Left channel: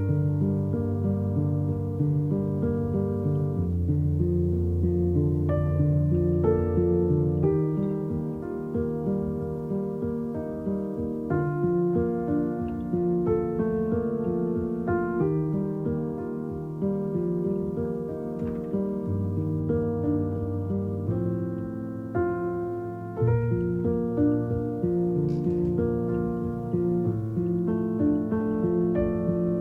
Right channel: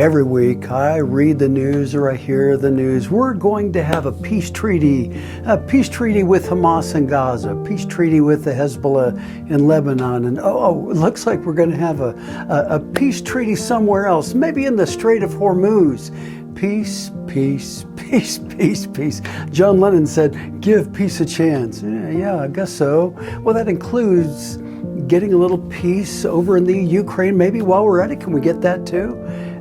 Every week I read the news or I hear the news. We're going to have a peace treaty with Hamas in Gaza, a peace treaty with the Hezbollah in Lebanon, and it looks like we're going to have a peace treaty somewhere else, maybe in the Strait of Hormuz. Peace, peace, peace, peace, peace. John Lennon said, give peace a chance. Yeah, I guess so. Well, that includes getting a little peace over in the Ukraine. Maybe while we're at it, can we get that too?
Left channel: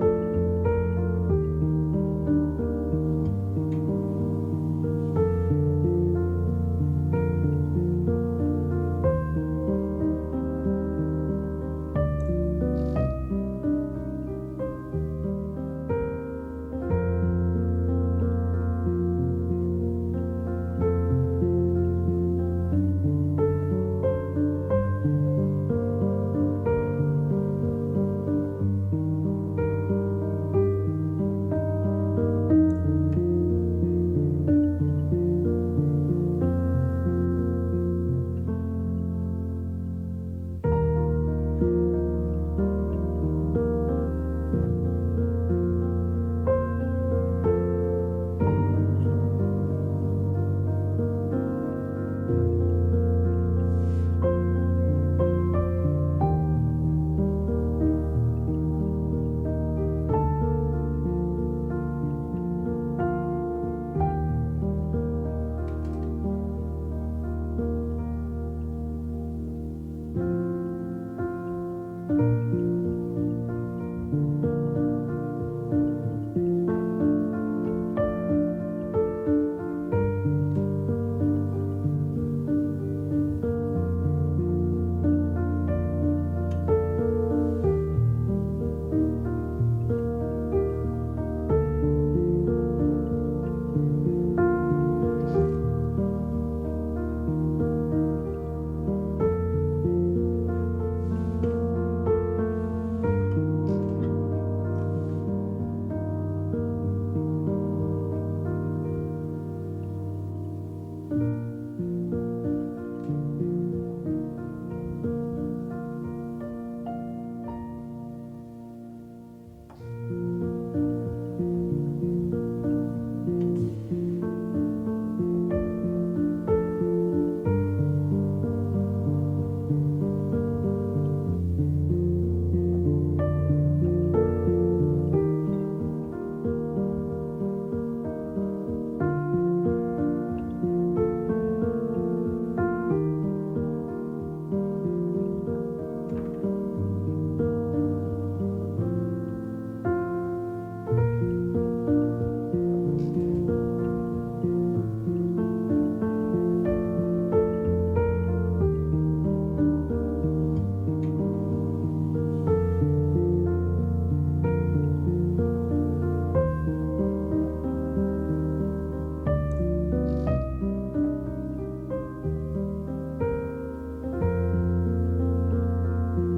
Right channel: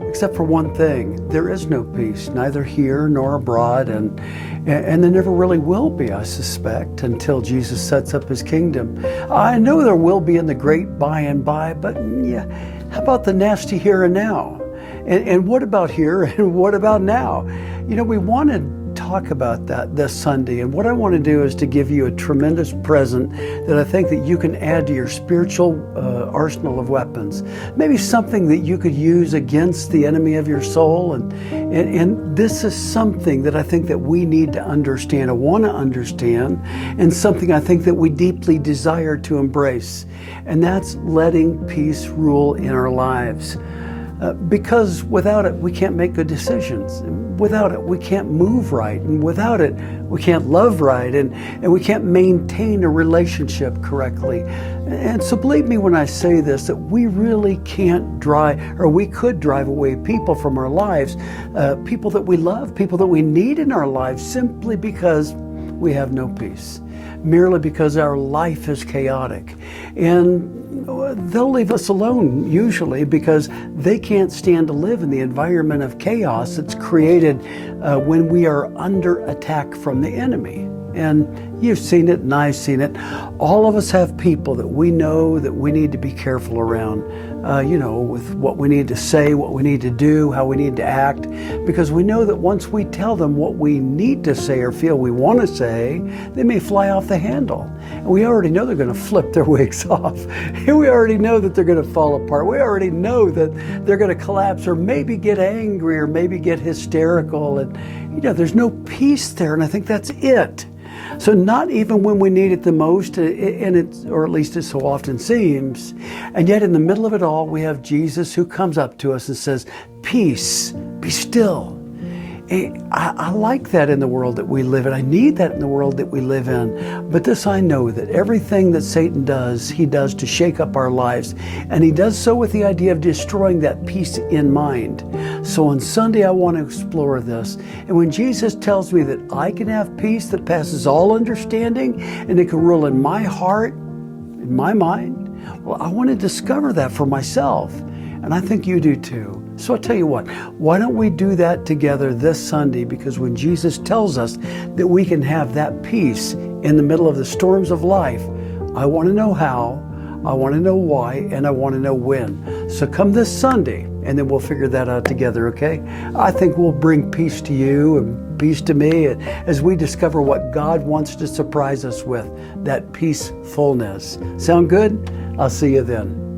Except for one thing, there is no peace, neither here nor abroad, and there never really will be, I suspect, until Jesus sets up his kingdom. I know there will be in the great by and by, but yeah, how about the nasty here and now? And what about here and what about now? You know, we want to talk about that this Sunday, and what I want to do is to give you a tremendous present that I think that you can add to your spiritual arsenal of weapons. Maybe something that you could use against the enemy of your soul, and this is something that I think that we need to understand, I want to understand, and something I think that we deeply desire to embrace, and that's letting peace rule in our lives. Because without it, we can't make good decisions. Without it, we can't move right. And without it, we can't love right. And we can't maintain a relationship correctly. And so believe me when I say this, that we really can't drive, or we could drive away people from our lives, people that we love, people that we need in our lives, simply because we have no peace, merely because our life is chaotic. And they'll leave us alone usually because they can't stand to live in the environment of chaos that's created when we are under attack from the enemy. And you've seen it and I've seen it. All of us have people that we know that we need to be careful around, with what we need to say, what we need to do, how we need to act, because we know that once we tell them what we need to say or feel we want to say, they may fly off the handle. And we already know they're going to flip their wigs off. And we already know that they're going to fall apart. We already know that they're going to collapse or maybe get angry or maybe get hysterical. And, there's no peace there. And I think that's it. So not even when we need it the most, or at least it so often seems, and yet in the middle of it all, we have Jesus who comes up to us and says, peace, be still. I like that in the world that we live in. I need that in the world that we live in. But this I know, that everything that Satan does, he does to shake up our lives. And he does so with the idea of destroying that peace in mind. So on Sunday, I want to explore this. And when Jesus tells me that I can have peace that passes all understanding, and it can rule in my heart, in my mind, well, I want to discover that for myself. And I think you do too. So I'll tell you what, why don't we do that together this Sunday? Because when Jesus tells us that we can have that peace in the middle of the storms of life, I want to know how, I want to know why, and I want to know when. So come this Sunday, and then we'll figure that out together, okay? I think we'll bring peace to you and peace to me as we discover what God wants to surprise us with, that peacefulness. Sound good? I'll see you then.